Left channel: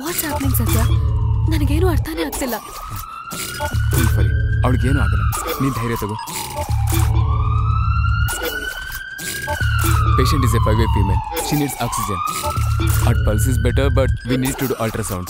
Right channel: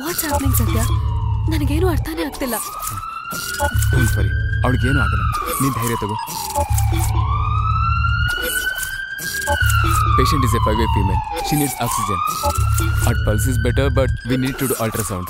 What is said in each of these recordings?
What's happening ಸತ್ಯ? ನನಗೇನು ಅರ್ಥನೇ ಆಗ್ತಿಲ್ಲ. ಸರಿ, ಅವಳಿಗೇನು ಆಗಲ್ಲ, ನೀನು ಧೈರ್ಯ ತಗೋ. Patient is a 5-way female. She needs oxygen. Her pulse is better, but we need to do ultrasound.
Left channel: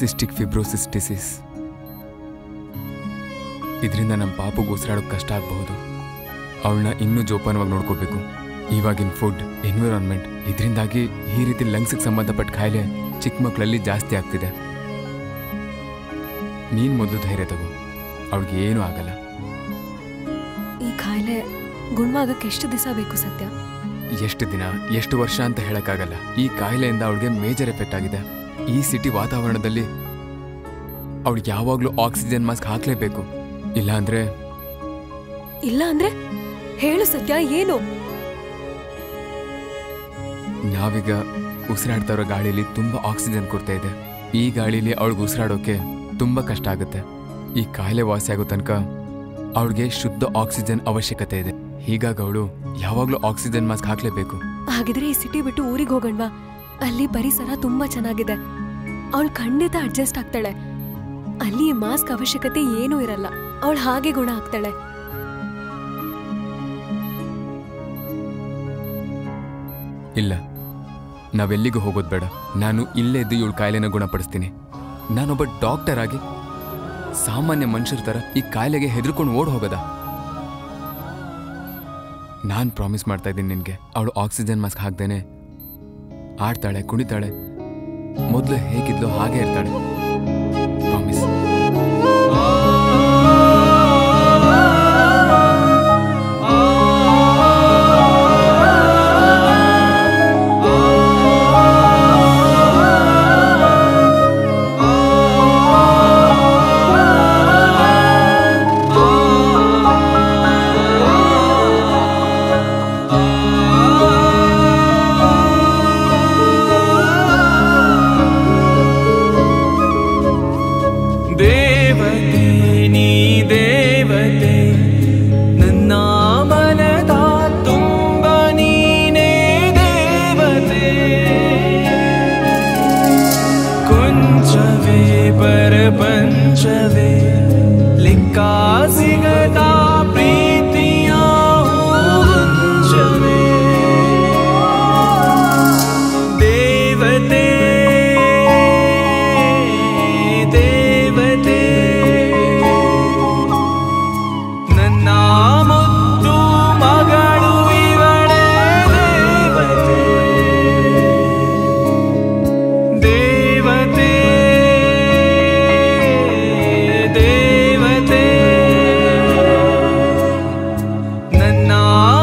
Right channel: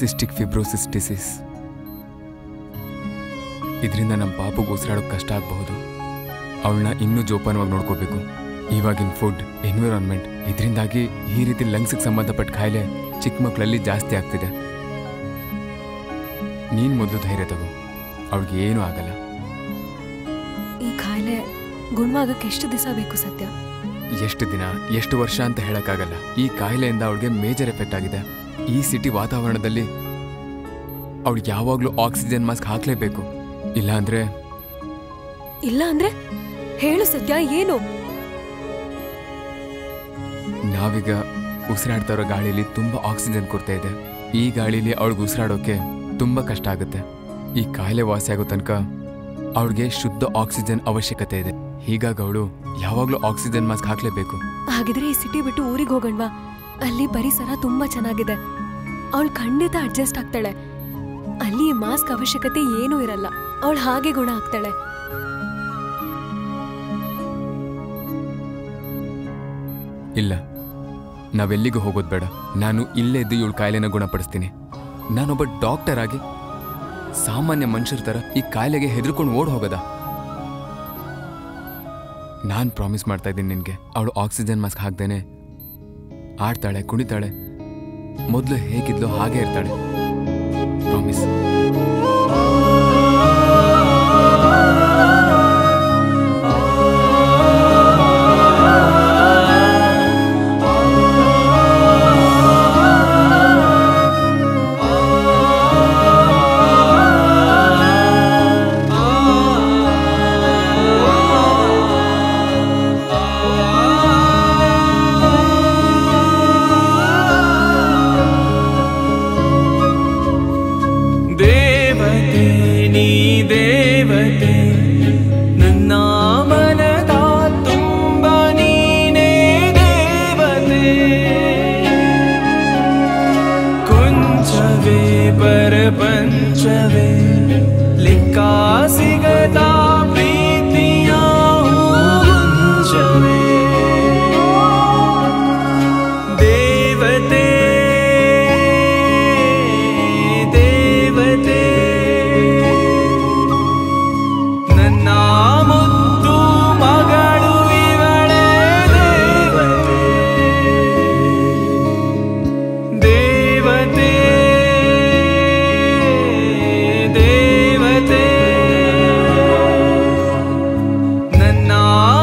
Cystic fibrosis disease. ಇದರಿಂದ ನಮ್ಮ ಪಾಪುಗೆ ಉಸಿರಾಡೋಕೆ ಕಷ್ಟ ಆಗಬಹುದು. ಅವಳನ್ನ ಇನ್ನೂ ಜೋಪಾನವಾಗಿ ನೋಡ್ಕೋಬೇಕು. ಇವಾಗಿನ ಫುಡ್, ಎನ್ವಿರಾನ್ಮೆಂಟ್, ಇದರಿಂದಾಗಿ ಈ ರೀತಿ ಲಂಗ್ಸ್ಗೆ ಸಂಬಂಧಪಟ್ಟ ಕಾಯಿಲೆ ಚಿಕ್ಕ ಮಕ್ಕಳಲ್ಲಿ ಜಾಸ್ತಿ ಆಗ್ತಿದೆ. ನೀನು ಮೊದಲು ಧೈರ್ಯ ತಗೋ, ಅವಳಿಗೆ ಏನೂ ಆಗಲ್ಲ. ಈ ಕಾಯಿಲೆ ಗುಣವಾಗಕ್ಕೆ ಎಷ್ಟು ದಿವಸ ಬೇಕು ಸತ್ಯ? ಎಷ್ಟು ದಿನ, ಎಷ್ಟು ವರ್ಷ ಅಂತ ಹೇಳಕ್ಕಾಗಲ್ಲ. ಈ ಕಾಯಿಲೆಯಿಂದ ಅವಳಿಗೆ ಮೇಜರ್ ಎಫೆಕ್ಟ್ ಆಗಿದೆ. ಈ ಸಿಟಿ ವಾತಾವರಣದಲ್ಲಿ ಅವಳಿಗೆ ಯಾವಾಗ್ಲೂ ಆಕ್ಸಿಜನ್ ಮಾಸ್ಕ್ ಹಾಕ್ಲೇಬೇಕು. ಇಲ್ಲ ಅಂದ್ರೆ ಹೇಳು ಸತ್ಯ, ಏನು? ನಾವೀಗ ಉಸಿರಾಡ್ತಾ ಇರೋ ಗಾಳಿಲಿ ತುಂಬಾ ಆಕ್ಸಿಜನ್ ಕೊಡ್ತಾ ಇದೆ. ಈ ಗಾಳಿಲಿ ಅವಳಿಗೆ ಉಸಿರಾಡೋಕೆ ತುಂಬಾ ಕಷ್ಟ ಆಗುತ್ತೆ. ಈ ಕಾಯಿಲೆ ವಾಸಿ ಆಗೋ ತನಕ ಅವಳಿಗೆ ಶುದ್ಧ ಆಕ್ಸಿಜನ್ ಅವಶ್ಯಕತೆ ಇದೆ. ಹೀಗಾಗಿ ಅವಳು ಯಾವಾಗ್ಲೂ ಆಕ್ಸಿಜನ್ ಮಾಸ್ಕ್ ಹಾಕ್ಲೇಬೇಕು. ಹಾಗಿದ್ರೆ ಈ ಸಿಟಿ ಬಿಟ್ಟು ಊರಿಗೆ ಹೋಗಣ್ವಾ? ಅಲ್ಲಿ ಪರಿಸರ ತುಂಬಾ ಚೆನ್ನಾಗಿದೆ. ಅವಳು ಖಂಡಿತ ಅಡ್ಜಸ್ಟ್ ಆಗ್ತಾಳೆ. ಅಲ್ಲಿ ಮಾಸ್ಕ್ ಅವಶ್ಯಕತೆ ಏನೂ ಇರಲ್ಲ. ಅವಳು ಹಾಗೆ ಗುಣ ಆಗ್ತಾಳೆ. ಇಲ್ಲ, ನಾವೆಲ್ಲಿಗೂ ಹೋಗೋದು ಬೇಡ. ನಾನು ಇಲ್ಲೇ ಇದ್ದು ಇವಳು ಕಾಯಿಲೆನ ಗುಣಪಡಿಸ್ತೀನಿ. ನಾನೊಬ್ಬ ಡಾಕ್ಟರ್ ಆಗಿ ಸಾಮಾನ್ಯ ಮನುಷ್ಯರ ತರ ಈ ಕಾಯಿಲೆಗೆ ಹೆದರ್ಕೊಂಡು ಓಡ್ ಹೋಗದ? ನಾನು ಪ್ರಾಮಿಸ್ ಮಾಡ್ತಾ ಇದ್ದೀನಿ ನಿನ್ಗೆ, ಅವಳು ಆಕ್ಸಿಜನ್ ಮಾಸ್ಕ್ ಹಾಕ್ದೇನೆ ಆಡ್ತಾಳೆ, ಕುಣಿತಾಳೆ, ಮೊದಲು ಹೇಗಿದ್ಲು ಹಾಗೆ ಇರ್ತಾಳೆ. ಪ್ರಾಮಿಸ್. परपंचवे लिखा सिगता प्रीतियां हुंजवे देवते देवते ನನ್ನ ಮುದ್ದು ಮಗಳು ಇವಳೆ ದೇವತೆ ದೇವತೆ ದೇವತೆ ನನ್ನ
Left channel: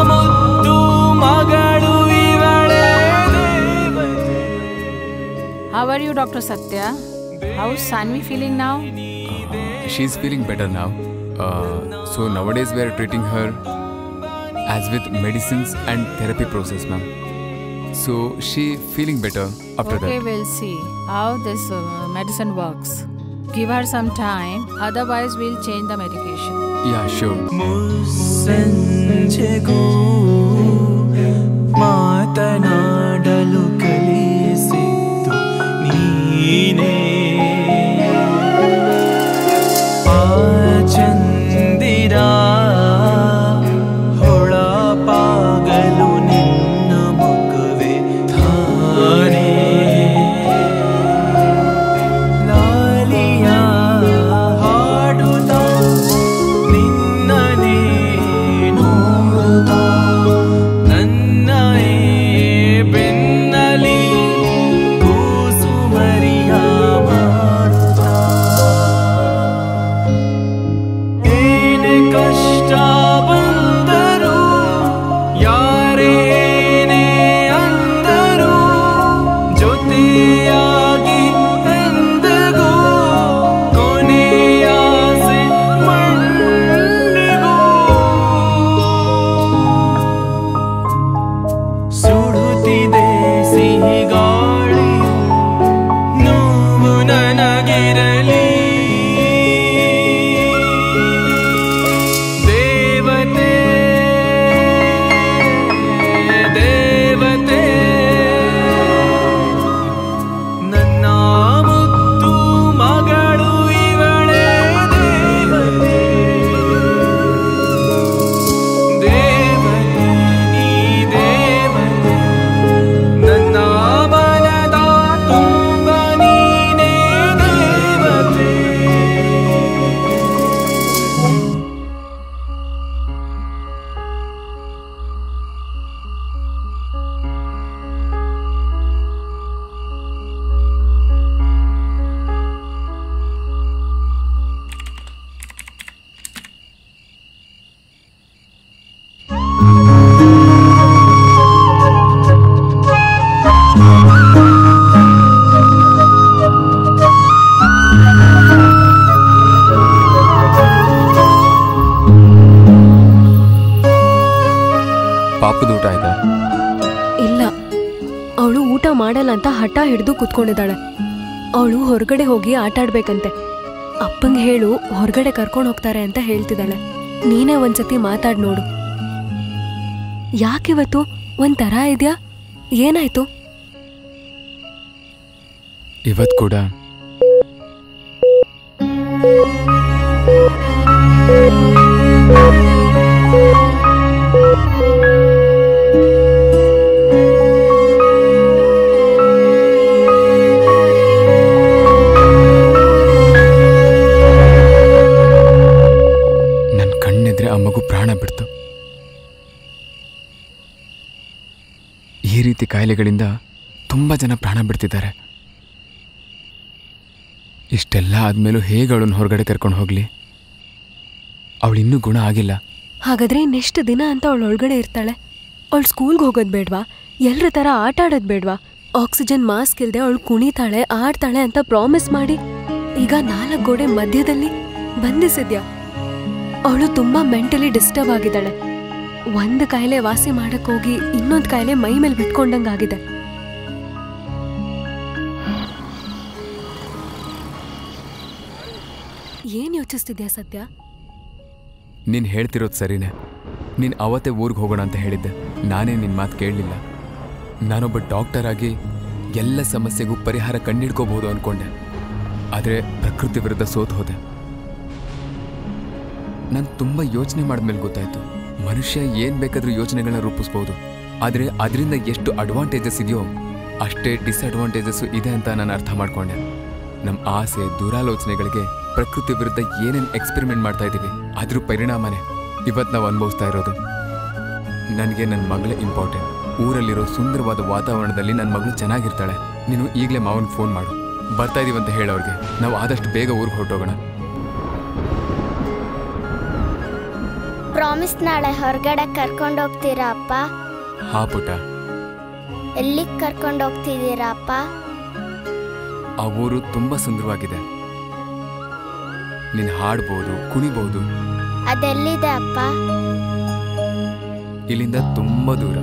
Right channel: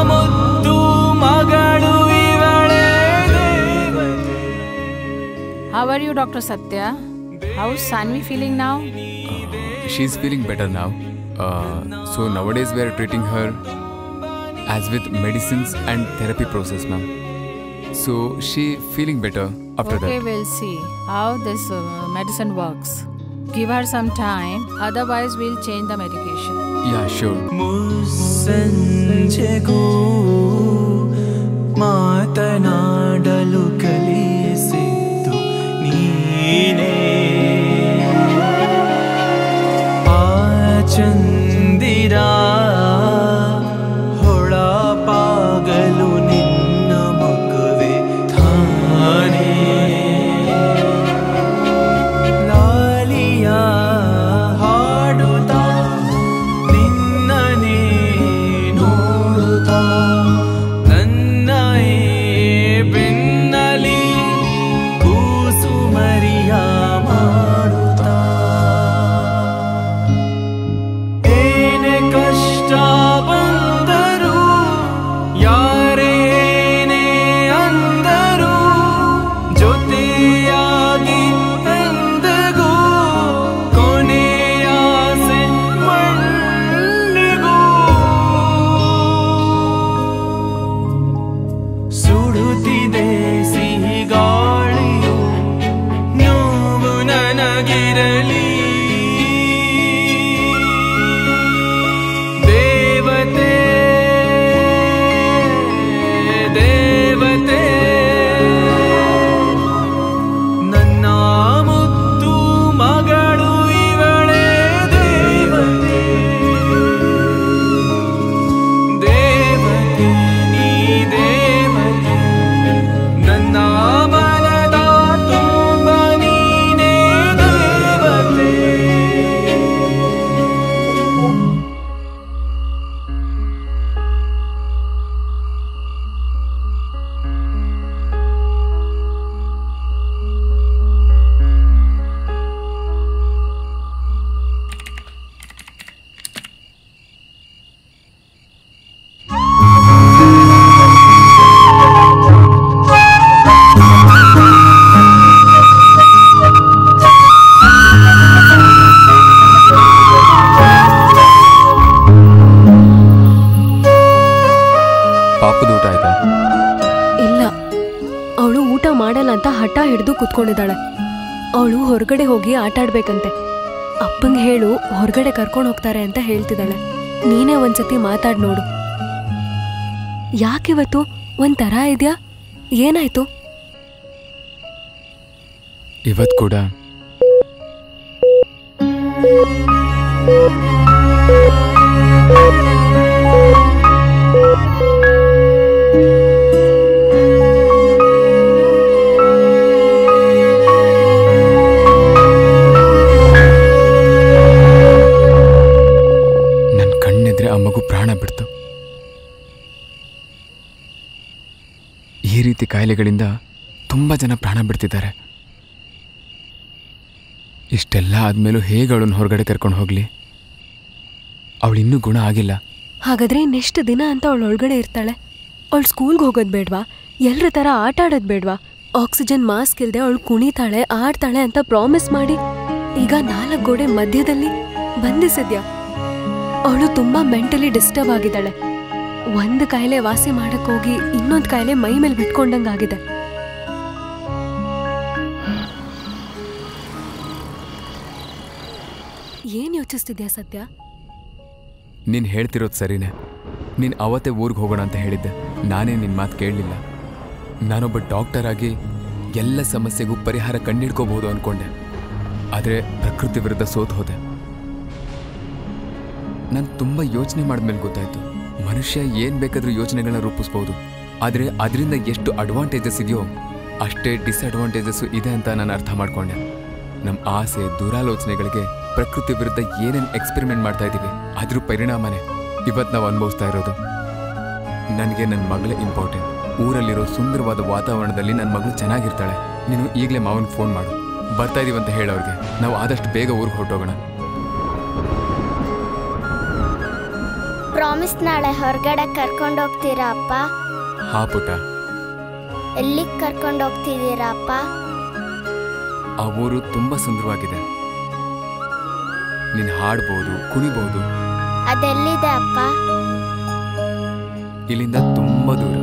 ಮುದ್ದು ಮಗಳು ಇವಳೆ ದೇವತೆ. How are you, Dr. Satya? How's Sanvi feeling now? She's feeling better now. So nowadays we are treating her as with medicines and therapy process, ma'am. So she feeling better after Okay, that. we'll see how this medicine works. Give her some time, otherwise we'll change the medication. Yeah, sure. ಮುಸ್ಸಂಜೆಗೂ ಮಾತನಾಡಲು ಕಲಿಸಿದ್ದು ನೀನೇ ಆ ಚಂದಿರ ಹೊಳಪಾಗಲು ನಿನ್ನ ಮುಖವೇ ತಾನೇ ಲಾಲಿಯ ಹಾಡುತ್ತಾ ನಿನ್ನನೇ ನೋಡುತ್ತಾ ನನ್ನ ಬೆನ್ನಲಿ ಕೂಸು ಮರಿಯ ಮಾಡುತ್ತಾ ಏನೇ ಕಷ್ಟ ಬಂದರು ಯಾರೇನೇ ಅಂದರು ಜೊತೆಯಾಗಿ ಎಂದಿಗೂ ಕೊನೆಯಾಸೆ ಮಣ್ಣಿಗೂ ಸುಡುತ್ತಿದೆ ಸಿಹಿ ಗಾಳಿಯು ನೋವು ನನಗಿರಲಿ ದೇವತೆ ದೇವತೆ ನನ್ನ ಮುದ್ದು ಮಗಳು ಇವಳೆ ದೇವತೆ ದೇವತೆ ನೀ ದೇವತೆ ನನ್ನ ಮನದ ತುಂಬ ನೀನೇ ದೇವತೆ. ಪಾಪದ ಊಟ ಆಯ್ತಾ? ಇಲ್ಲ, ಅವಳು ಊಟ ಮಾಡಲ್ಲ ಅಂತ ಹಠ ಹಿಡಿದು ಕುತ್ಕೊಂಡಿದ್ದಾಳೆ. ಅವಳು ಹೊರಗಡೆ ಹೋಗಿ ಆಟ ಆಡ್ಬೇಕಂತೆ. ಅಪ್ಪಂಗೆ ಹೇಳು ಹೊರಗಡೆ ಕರ್ಕೊಂಡು ಹೋಗ್ತಾರೆ ಅಂತ ಹೇಳ್ತಿದ್ದಾಳೆ. ನೀನೇ ಒಂದ್ಸತಿ ಮಾತಾಡ್ ನೋಡು. ಯಾಕಿವತ್ತು ಒಂಥರ ಇದ್ಯಾ? ಏನಾಯ್ತು? ಇವತ್ತು ಕೂಡ ನನ್ನ ಕಣ್ಣೆದ್ರೆ ಆ ಮಗು ಪ್ರಾಣ ಬಿಡ್ತು. ಈ ರೀತಿ ಕಾಯಿಲೆಗಳಿಂದ ತುಂಬ ಜನ ಪ್ರಾಣ ಬಿಡ್ತಿದ್ದಾರೆ. ಇಷ್ಟೆಲ್ಲ ಆದ್ಮೇಲೂ ಹೇಗೆ ಅವಳನ್ನು ಹೊರಗಡೆ ಕರ್ಕೊಂಡು ಹೋಗ್ಲಿ? ಅವಳಿನ್ನೂ ಗುಣ ಆಗಿಲ್ಲ. ಹಾಗಾದ್ರೆ ಇನ್ನೆಷ್ಟು ದಿನ ಅಂತ ಅವಳು ಒಳಗಡೆ ಇರ್ತಾಳೆ? ಅವಳು ಸ್ಕೂಲ್ಗೆ ಹೋಗೋದು ಬೇಡ್ವಾ? ಎಲ್ಲರ ಥರ ಆಟ ಆಡೋದು ಬೇಡ್ವಾ? ಆಕ್ಸಿಜನ್ ಮಾಸ್ಕ್ ಇಲ್ಲದೆ ಅವಳು ಕುಣಿತಾಳೆ ಆಡ್ತಾಳೆ ಅಂತ ಪ್ರಾಮಿಸ್ ಮಾಡಿ ಈಗ 4 ಗೋಡೆ ಮಧ್ಯದಲ್ಲಿ ಬಂಧಿಸಿದ್ಯಾ? ಅವಳು ತುಂಬಾ ಮೆಂಟಲಿ ಡಿಸ್ಟರ್ಬ್ ಆಗಿದ್ದಾಳೆ. ಒಂದು ಕಾಯಿಲೆ ವಾಸಿ ಮಾಡಕ್ ಹೋಗಿ ಇನ್ನೊಂದು ಕಾಯಿಲೆ ಮೈ ಮೇಲೆ ಬಿಟ್ಕೊಂಡಂಗಾಗಿದೆ. ಏನ್ ಯೋಚಿಸ್ತಿದ್ಯಾ ಸತ್ಯ? ನೀನು ಹೇಳ್ತಿರೋದು ಸರಿನೇ. ನೀನು ಅವತ್ತೇ ಊರಿಗೆ ಹೋಗೋಣ ಅಂತ ಹೇಳಿದ್ದೆ. ನಾನೇ ನಿನ್ನ ಮಾತು ಕೇಳಲಿಲ್ಲ. ನಾನೊಬ್ಬ ಡಾಕ್ಟರ್ ಆಗಿ ಎಲ್ಲ ಸಮಸ್ಯೆಗೂ ಪರಿಹಾರ ಕಂಡಿಡ್ಕೋಬಹುದು ಅಂದ್ಕೊಂಡೆ. ಆದರೆ ಪ್ರಕೃತಿ ವಿರುದ್ಧ ಸೋತು ಹೋದೆ. ನಾನು ತುಂಬ ಯೋಚನೆ ಮಾಡಿದ್ಮೇಲೆ ಗೊತ್ತಾಯ್ತು, ಮನುಷ್ಯ ಏನು ಬೇಕಾದರೂ ಯೋಚನೆಗಳನ್ನ ರೂಪಿಸ್ಬೋದು, ಆದರೆ ಅದರಿಂದ ಎಷ್ಟು ಅಡ್ವಾಂಟೇಜಸ್ ಇದೆಯೋ ಅಷ್ಟೇ ಡಿಸ್ಅಡ್ವಾಂಟೇಜಸ್ಸು ಇದೆ ಅಂತ ನಾನು ಅರ್ಥ ಮಾಡ್ಕೊಂಡೆ. ನಮ್ಮ ಆಸೆ ದುರಾಲೋಚನೆಗಳಿಗೆ ಪ್ರಕೃತಿ ವಿರುದ್ಧ ಏನೇನು ಎಕ್ಸ್ಪೆರಿಮೆಂಟ್ ಮಾಡ್ತಾ ಇದ್ದೀವಿ ಅದ್ರ ಪರಿಣಾಮನೇ ಇವತ್ತು ನಾವು ಅನುಭವಿಸ್ತಾ ಇರೋದು. ನನಗೆ ನನ್ನ ಮಗಳೇ ಇಂಪಾರ್ಟೆಂಟ್. ಊರಲ್ಲಿರೋ ಸುಂದರವಾದ ವಾತಾವರಣದಲ್ಲಿ ನನ್ನ ಮಗಳು ಚೆನ್ನಾಗಿರ್ತಾಳೆ. ನೀನು ಈಗಲೇ ಮಾವನಿಗೆ ಫೋನ್ ಮಾಡು, ಬರ್ತಾ ಇದೀವಂತ ಹೇಳೋರಿಗೆ. ನಾವು ಆದಷ್ಟು ಬೇಗ ಊರಿಗೆ ಹೊರಟೋಗೋಣ. ಪ್ರಾಮಿಸ್ ನಾಳೆ ಹೊರಗಡೆ ಕರ್ಕೊಂಡು ಹೋಗ್ತೀರಾ ಅಪ್ಪ? ಹಾ ಪುಟ್ಟ. ಎಲ್ಲಿಗೆ ಕರ್ಕೊಂಡು ಹೋಗ್ತಿದ್ದೀರಾ ಅಪ್ಪ? ಆ ಊರು ತುಂಬಾ ಸುಂದರವಾಗಿದೆ. ನೀನು ಹಾಡ್ಬೋದು, ಕುಣಿಬೋದು. ಅದೆಲ್ಲಿದೆ ಅಪ್ಪ? ಇಲ್ಲಿಂದ ತುಂಬಾ ದೂರ.